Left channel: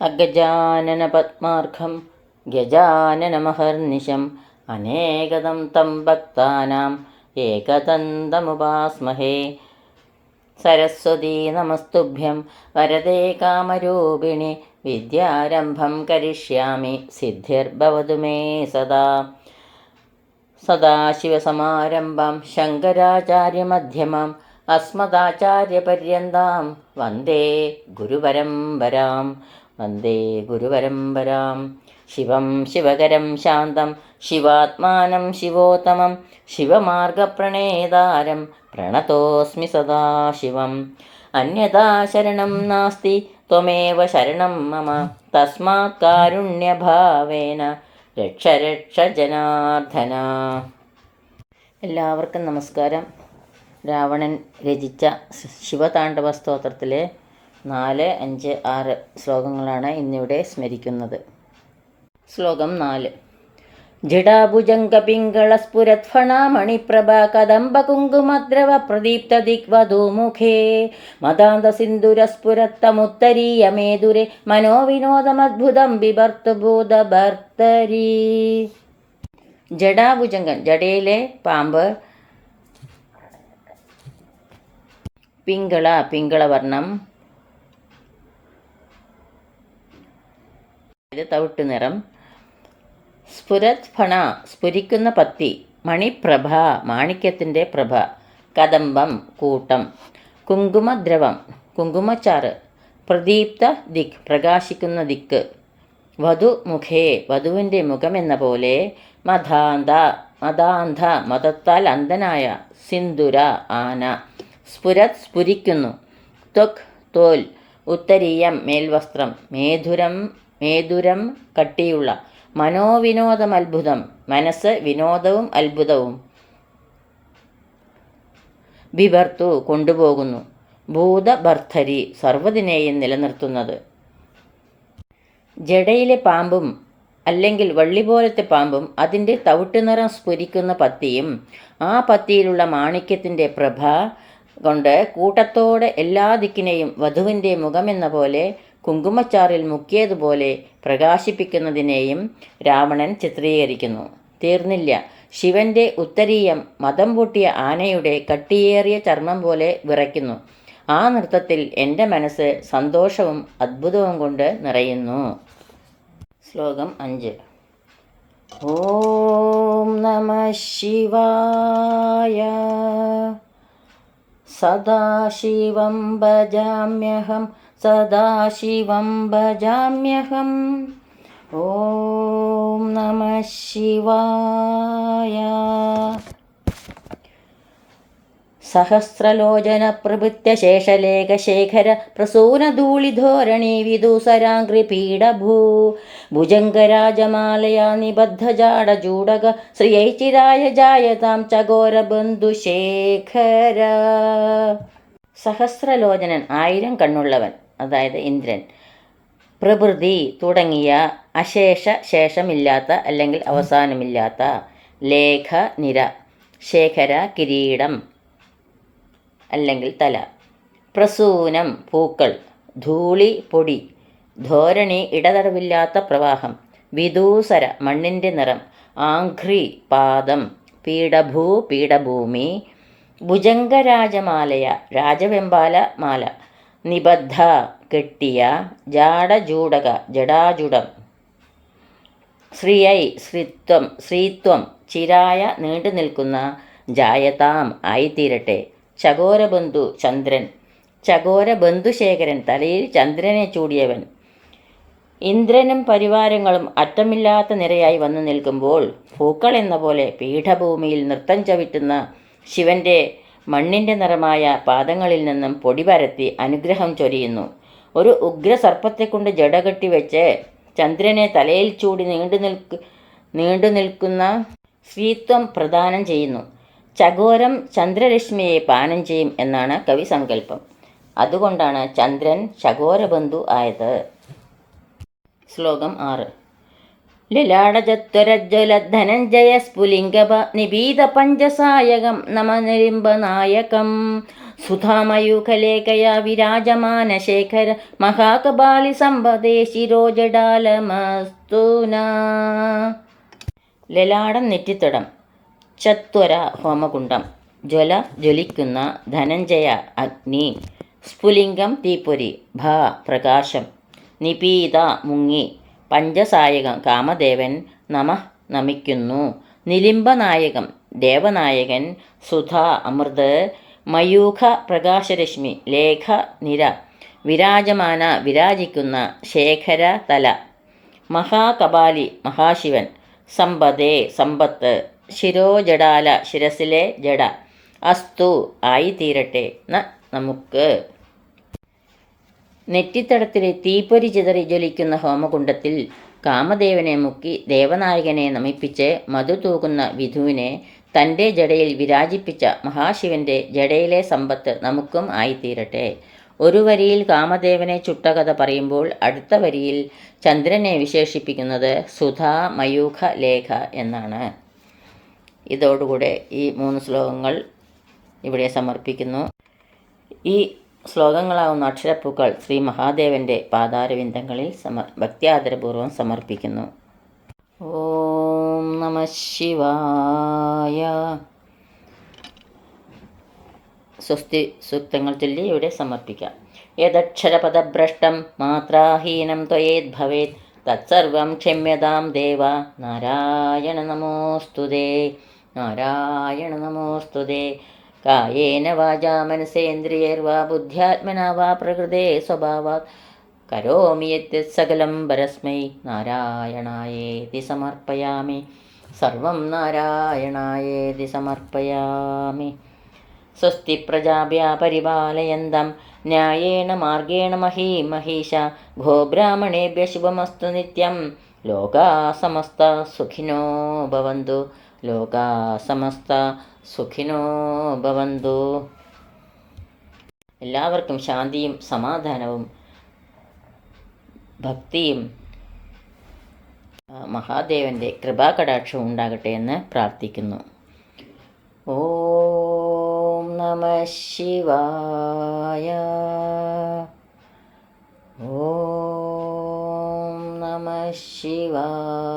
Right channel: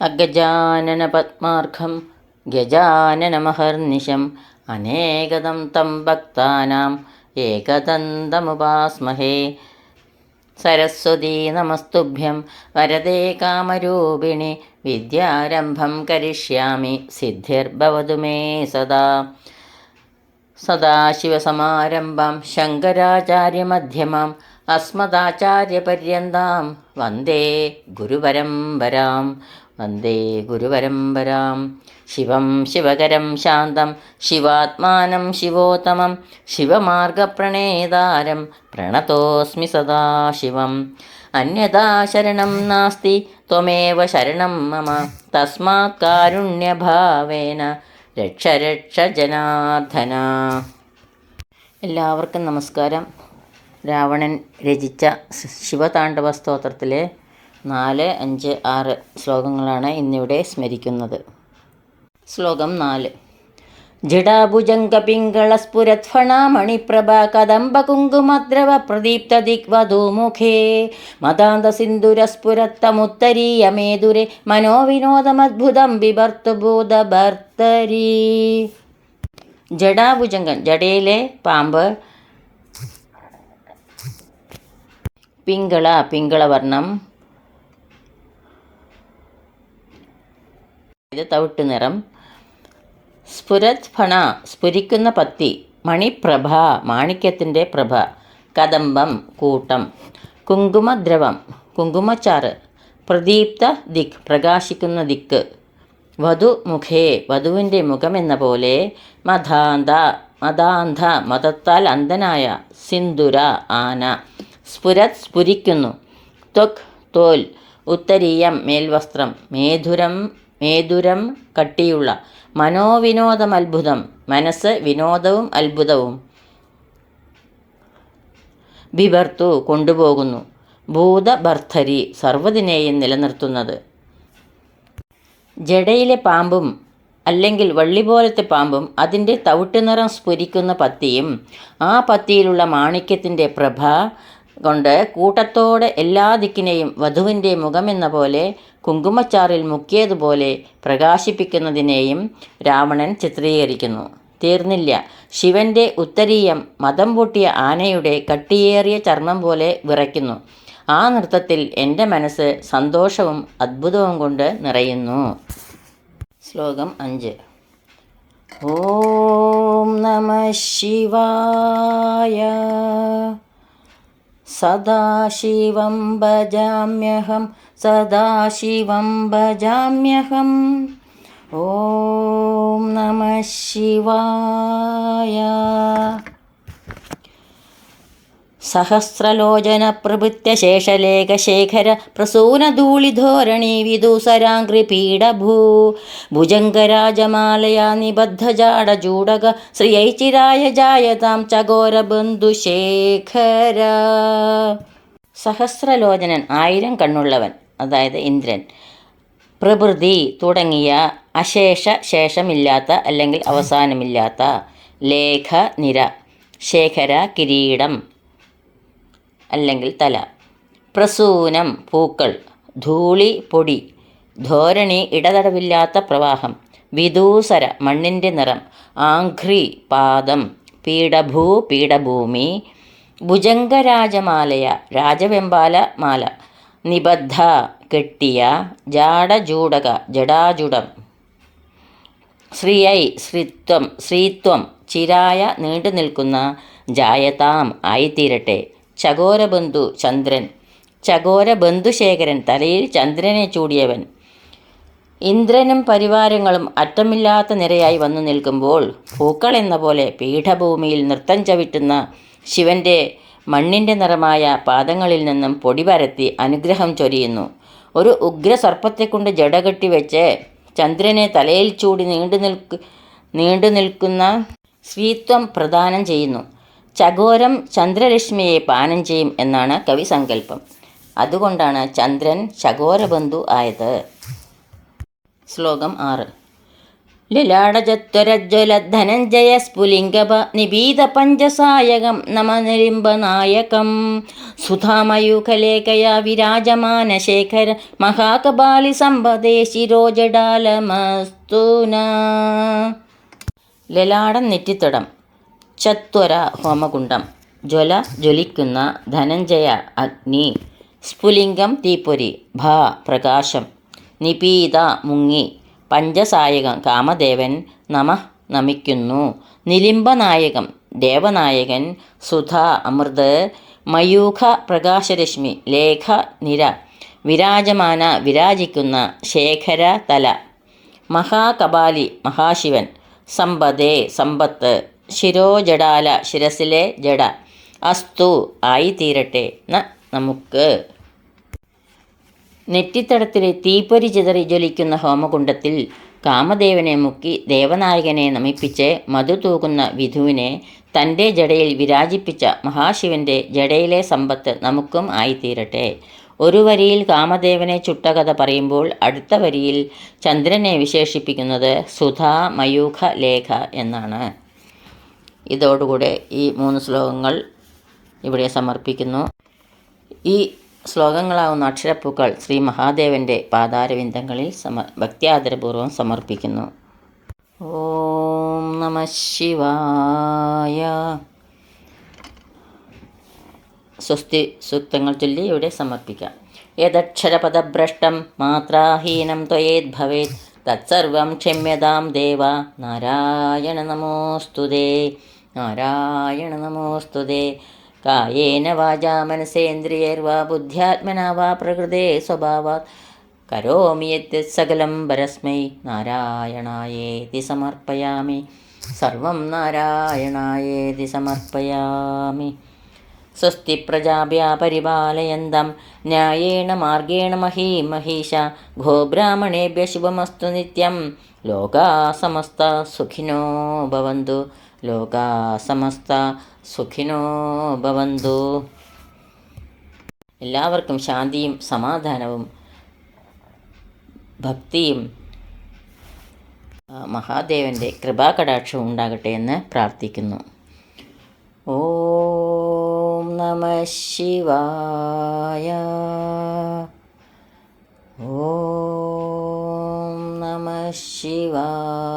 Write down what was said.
അഗജാനനപദ്മാർഘം ഗജാനനമഹർനിശം അനേകദം തം ഭക്താനാം ഏകദന്തമുപാസ്മഹേ. സരസ്വതീ നമസ്തുഭ്യം വരദേ കാമരൂപിണി വിദ്യാരംഭം കരിഷ്യാമി സിദ്ധിർഭവതു മേ സദാ. സദാശിവസമാരംഭാം ശങ്കരാചാര്യമധ്യമാം അസ്മദാചാര്യപര്യന്താം വന്ദേ ഗുരുപരമ്പരാം. ശിവം ശിവകരം ശാന്തം ശിവാത്മാനം ശിവോത്തമം ശിവമാർഗപ്രണേതാരം പ്രണതോസ്മി സദാശിവം. അന്യഥാ ശരണം നാസ്തി ത്വമേവ ശരണം മമ തസ്മാത് കാരുണ്യഭാവേന രക്ഷ രക്ഷ ജനാർദ്ദന. എല്ലാവർക്കും നമസ്കാരം. രാവണൻ രചിച്ച ശിവതാണ്ഡവ സ്തോത്രത്തിലെ 4, 5, 6 ശ്ലോകങ്ങളാണ് ഇന്നിവിടെ സ്മരിക്കുന്നത്. ശ്ലോകം 4. ജടാഭുജംഗപിംഗളസ്ഫുരത്ഫണാമണിപ്രഭ കദംബകുങ്കുമദ്രവ പ്രദീപ്തദിഗ്വധൂമുഖേ മദാന്തസിന്ദുരസ്ഫുരത്തമുത്തരീയമേതുരെ മനോവിനോദമദ്ഭുതം ബിഭർത്തുഭൂതഭർത്തരീ. ജടാഭുജംഗൻ ജടയിലെ പാമ്പ്, പിങ്കളവർണം തവിട്ടു നിറം, സ്ഫുരത് ഫണ സ്ഫുരിക്കുന്ന പത്തി, മണിപ്രഭ മാണിക്യത്തിൻ്റെ പ്രഭ, കദംബം കൂട്ടം, കുങ്കുമദ്രവം കുങ്കുമച്ചാറ്, പ്രദീപ്ത ദിക് പ്രകാശിക്കുന്ന ദിക്ക്, വധുമുഖേ വധുവിൻ്റെ മുഖമെന്ന പോലെ, മദാന്ത മതത്താൽ അന്ധനായ, സിന്ദുര ആന, സ്ഫുരത് സ്ഫുരിക്കുന്നു, ത്വക് തോൽ, ഉത്തരീയം മേൽവസ്ത്രം, മേധുരം കട്ടിയുള്ള, മനോവിനോദമത്ഭുതം മനസ്സ് വിനോദവും അത്ഭുതവും, ബിഭർത്തു കൊണ്ടുപോകുന്നു, ഭൂതഭർത്തരി സർവ്വതിനെയും നിലനിർത്തുന്നത്. ജടയിലെ പാമ്പും അല്ലെങ്കിൽ വള്ളി പോലത്തെ പാമ്പും അതിൻ്റെ തവിട്ടുനിറം സ്ഫുരിക്കുന്ന പത്തിയും ആ പത്തിയിലുള്ള മാണിക്യത്തിൻ്റെ പ്രഭ കൊണ്ട് കൂട്ടത്തോടെ എല്ലാ ദിക്കിനെയും വധുവിൻ്റെ മുഖമെന്ന പോലെ കുങ്കുമച്ചാറിൽ മുക്കിയതുപോലെ പ്രകാശിപ്പിക്കുന്നതിനെയും രാവണൻ ചിത്രീകരിക്കുന്നു. തീർന്നില്ല. ശിവൻ്റെ ഉത്തരീയം മദം പൊട്ടിയ ആനയുടെ കട്ടിയേറിയ ചർമ്മം പോലെ വിറയ്ക്കുന്നു. ആ നൃത്തത്തിൽ എൻ്റെ മനസ്സ് സന്തോഷവും അദ്ഭുതവും കൊണ്ട് നിറയുന്നു. ശ്ലോകം 5. ഓം നമഃ ശിവായ. സദാശിവം ഭജാമ്യഹം ഓം നമഃ ശിവായ. സഹസ്രലോചന പ്രഭൃത്യ ശേഷലേഖശേഖര പ്രസൂനധൂളിധോരണി വിദൂസരാംഘ്രിപീഠഭൂ ഭുജംഗരാജമാലയാ നിബദ്ധജാടചൂടക ശ്രിയൈചിരായ ജായതാം ചകോരബന്ധുശേഖര. സഹസ്രലോചനൻ 1000 കണ്ണുള്ളവൻ, അതായത് ഇന്ദ്രൻ. പ്രഭൃതി തുടങ്ങിയ, അശേഷ ശേഷമില്ലാത്ത അല്ലെങ്കിൽ അവസാനമില്ലാത്ത, ലേഖ നിര, ശേഖര കിരീടം അല്ലെങ്കിൽ തല, പ്രസൂനം പൂക്കൾ, ധൂളി പൊടി, ധോരണി ഇടതടവില്ലാത്ത പ്രവാഹം, വിദൂസര മണ്ണിൻ്റെ നിറം, ആഘ്രി പാദം, പീഠഭൂ പീഠഭൂമി, ഭുജംഗരാജമാലയ രാജവെമ്പാല മാല, നിബദ്ധ കെട്ടിയ, ജാടജൂടക ജടാജുടം, ശ്രീയൈ ശ്രീത്വം ചിരായ നീണ്ടു നിൽക്കുന്ന, ജായതാം ആയിത്തീരട്ടെ, ചകോരബന്ധു ചന്ദ്രൻ, ചകോരബന്ധുശേഖരൻ തലയിൽ ചന്ദ്രനെ ചൂടിയവൻ. ഇന്ദ്രനും പരിവാരങ്ങളും അറ്റമില്ലാത്ത നിരയായി വന്നു നിൽക്കുമ്പോൾ പൂക്കൾ എന്ന പോലെ പീഠഭൂമിയിൽ നൃത്തം ചവിട്ടുന്ന ശിവൻ്റെ മണ്ണിൻ്റെ നിറമായ പാദങ്ങളിൽ നിന്നും പൊടി പരത്തി അനുഗ്രഹം ചൊരിയുന്നു. ഒരു ഉഗ്രസർപ്പത്തെക്കൊണ്ട് ജടകെട്ടി വെച്ച് ചന്ദ്രനെ തലയിൽ ചൂടി നീണ്ടു നിൽക്കുന്ന ശ്രീത്വം പ്രദാനം ചെയ്യുന്നു. ചകോരം ചന്ദ്രരശ്മിയെ പാനം ചെയ്യും എന്നാണ് കവി സങ്കല്പം. അതുകൊണ്ടാണ് ചന്ദ്രൻ ചകോരബന്ധു ആയത്. ശ്ലോകം 6. ലലാടചത്വരജ്വല ധനഞ്ജയ സ്ഫുലിംഗപ നിപീത പഞ്ചസായകം നമനിലിംബനായകം സുധാമയൂഖലേഖയ വിരാജമാന ശേഖര മഹാകപാലി സമ്പദേ ശിരോജടാലമസ്തുന. ലലാടം നെറ്റിത്തടം, ചത്വര ഹോമകുണ്ഡം, ജ്വല ജ്വലിക്കുന്ന, ധനഞ്ജയ അഗ്നി, സ്ഫുലിംഗം തീപ്പൊരി, ഭ പ്രകാശം, നിപീത മുങ്ങി, പഞ്ചസായകം കാമദേവൻ നമഃ നമിക്കുന്നു, നിലിംബനായകം ദേവനായകൻ, സുധ അമൃത്, മയൂഖ പ്രകാശരശ്മി, ലേഖ നിര, വിരാജമാന വിരാജിക്കുന്ന, ശേഖര തല, മഹാകപാലി മഹാശിവൻ, സമ്പദേ സമ്പത്ത്, ശിരോജടാല ശിരസിലെ ജട, അസ്തു ആയിത്തീരട്ടെ നമുക്ക്. നെറ്റിത്തടത്തിലെ തീപ്പൊരി ചിതറി ജ്വലിക്കുന്ന ഹോമകുണ്ഡത്തിൽ കാമദേവനെ മുക്കി ദേവനായകനെ നമിപ്പിച്ച് മധു തൂകുന്ന വിധുവിനെ തൻ്റെ ജടയിൽ വിരാജിപ്പിച്ച മഹാശിവൻ്റെ ജടയിലെ സമ്പത്ത് നമുക്കും ആയിത്തീരട്ടെ. ഒരു വരിയിൽ കാമദേവനെ ചുട്ടകഥ പറയുമ്പോൾ അടുത്ത വരിയിൽ ചന്ദ്രനെ വിശേഷിപ്പിക്കുന്നത് സുധാ മയൂഖ ലേഖ എന്നാണ്. ഇതോടുകൂടെ ഈ 3 ശ്ലോകങ്ങൾ ഇവിടെ സമർപ്പിക്കുന്നു. ഈ ശ്ലോകങ്ങളാവുന്ന അക്ഷരപ്പൂക്കൾ ശ്രീ മഹാദേവൻ്റെ പാതാരവിന്ദങ്ങളിൽ ഭക്ത്യാദരപൂർവ്വം സമർപ്പിക്കുന്നു. ഓം നമഃ ശിവായ. സ്വസ്തി സൂക്തങ്ങൾ ചൊല്ലി ഇവിടെ സമർപ്പിക്കാം. യദക്ഷരപദഭ്രഷ്ടം മാത്രാഹീനം ത്വയേദ്ഭവേത് തത്സർവം ക്ഷമ്യതാം ദേവ. നാരായണ നമോസ്തുതേ. നാരായണ നമോസ്തുതേ. കായേന വാചാ മനസേന്ദ്രിയൈർവാ ബുദ്ധ്യാത്മനാ വാ പ്രകൃതേ സ്വഭാവാത് കരോമി യത് സകലം പരസ്മൈ നാരായണായേതി സമർപ്പയാമി. സർവം നാരായണായേതി സമർപ്പയാമി. സ്വസ്തി പ്രജാഭ്യാ പരിപാലയന്തം ന്യായേണ മാർഗേണ മഹീം മഹീഷ. ഗോബ്രാഹ്മണേഭ്യഃ ശുഭമസ്തു നിത്യം. ലോകാ സമസ്ത സുഖിനോ ഭവന്തു. ലോകാ സമസ്ത സുഖിനോ ഭവന്തു. എല്ലാവർക്കും ശാന്തിയും സമാധാനവും ഭക്തിയും മഹാദേവൻ്റെ കൃപാകടാക്ഷവും ഉണ്ടാകട്ടെ എന്ന് പ്രാർത്ഥിക്കുന്നു. ഓം നമഃ ശിവായ. ഓം നമഃ ശിവായ.